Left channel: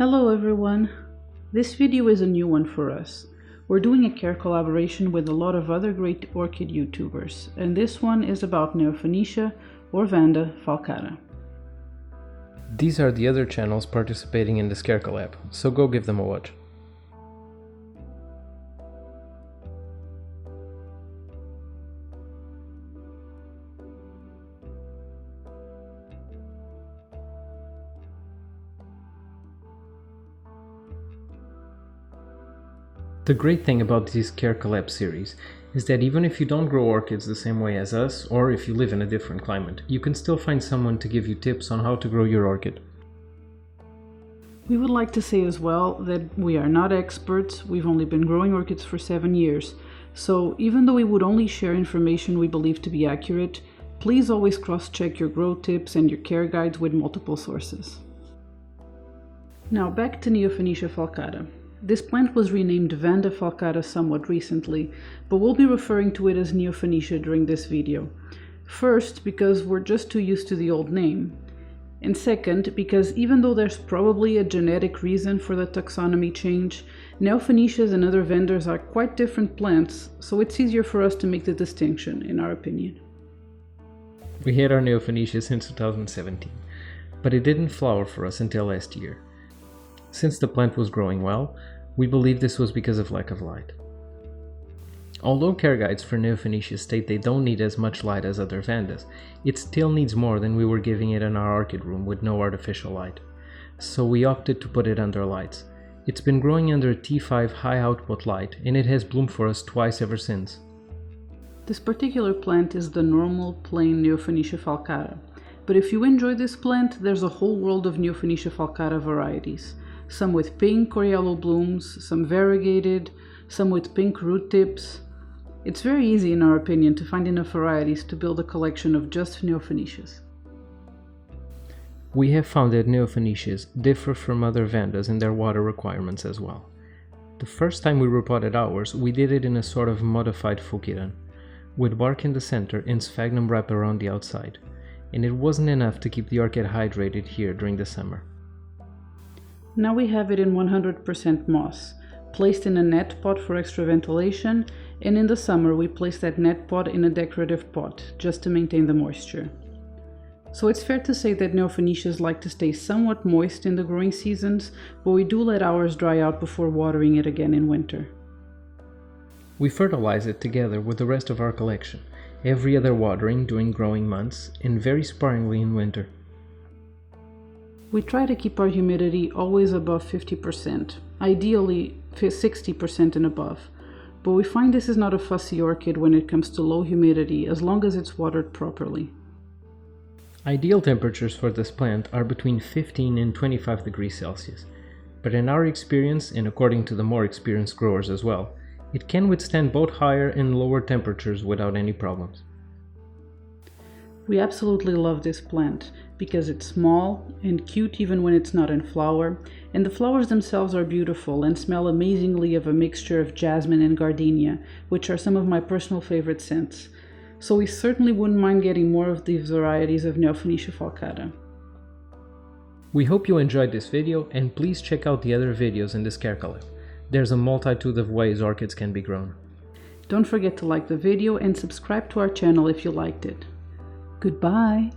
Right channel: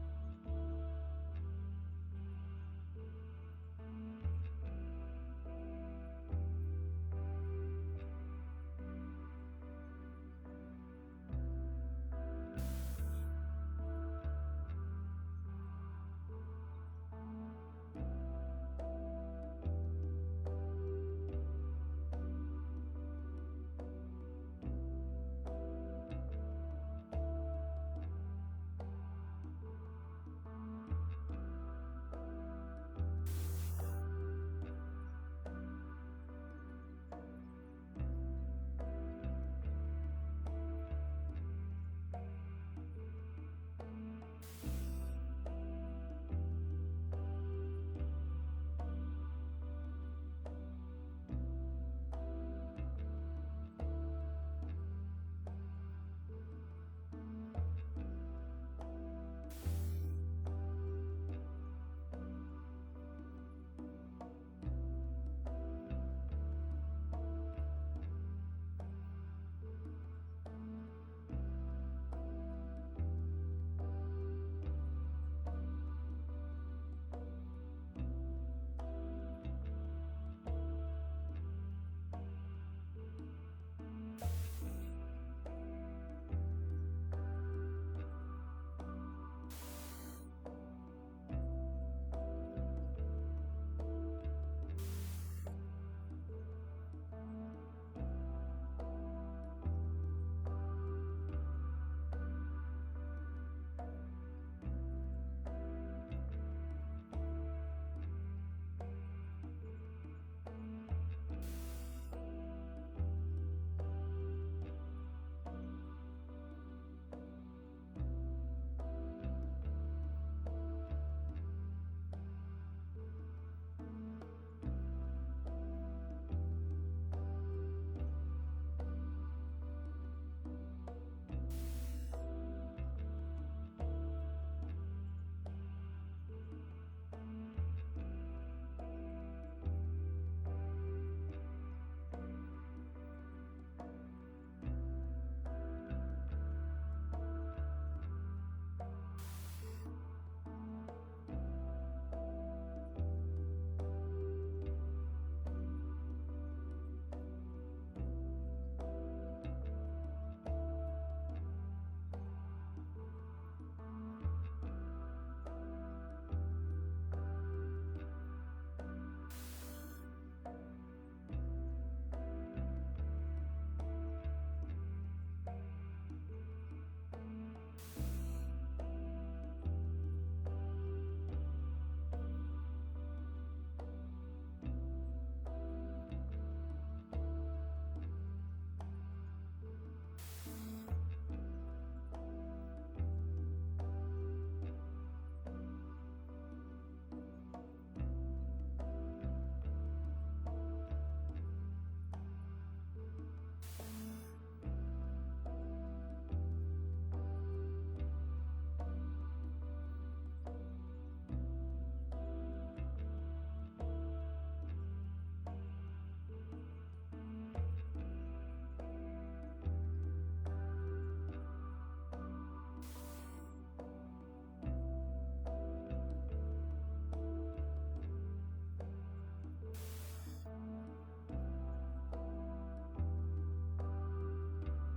Hello everyone! This video is a new one for us. We're doing a care collaboration with a lot of other great orchid YouTubers, and this one is about Neofinetia or Vanda falcata. These are the other channels participating in this care collab, so go give them a watch. The great thing about this Care Collab series is that even if you don't grow orchids the same way as us, or if you live in a different climate, you can still find someone to give you tips on how to grow your orchid. We would like to say as well that we are not experts. We've only been growing orchids for 7 years, so even though we would only share information we believe to be accurate, please always cross-check your grow tips and your care guides with multiple sources. Now back to Neofinetia falcata. This plant was renamed Vanda falcata somewhat recently, but we'll be referring to it as Neofinetia during this video. First, because we're just too used to the old name. And second, because even though there's probably a genetic reason for the taxonomy change, Neofinetias and other Vandas are quite different plants, so it's easier for us to make the distinction, in our opinion. We had our Neofinetia since 2017, but it didn't flower for us until last year. Since the plant was growing well, we believe this was because of lack of light. Although care guides for Neofinetia state they don't need as much light as other Vandas, it still needs more than we were giving it in our orchid room with no artificial light. So we opted to put it under lights. It's been growing under a T5 high output light, and it has bloomed for us twice ever since. This particular plant is the normal plain Neofinetia falcata, but if you enjoy this plant, there's a whole world of Neofinetia falcata varieties. Some with pink or yellow blooms, some variegated, some with pink root tips. It's very easy, in our opinion, to find enough varieties to build a collection of just Neofinetias. We have found that Neofinetias differ from other Vandas in their water requirements as well. The first time we repotted ours, we did it in a sort of modified Fukiran, with bark in the center and sphagnum wrap around the outside, and it wasn't enough to keep the orchid hydrated here during the summer. Now we have it in 100% moss, placed in a net pot for extra ventilation, and in the summer we place that net pot in a decorative pot, just to maintain the moisture. So it's fair to say that Neofinetias like to stay somewhat moist in the growing seasons, but we do let ours dry out before watering it again in winter. We fertilize it together with the rest of our collection, every other watering during growing months, and very sparingly in winter. We try to keep our humidity always above 50%, ideally 60% and above, but we find this is not a fussy orchid when it comes to low humidity as long as it's watered properly. Ideal temperatures for this plant are between 15 and 25 degrees Celsius, but in our experience, and according to the more experienced growers as well, it can withstand both higher and lower temperatures without any problems. We absolutely love this plant because it's small and cute even when it's not in flower, and the flowers themselves are beautiful and smell amazingly of a mixture of jasmine and gardenia, which are some of my personal favorite scents. So we certainly wouldn't mind getting more of these varieties of Neofinetia falcata. We hope you enjoyed this video, and please check out the other videos in this care collab. There's a multitude of ways orchids can be grown. Don't forget to like the video and subscribe to our channel if you liked it. Goodbye!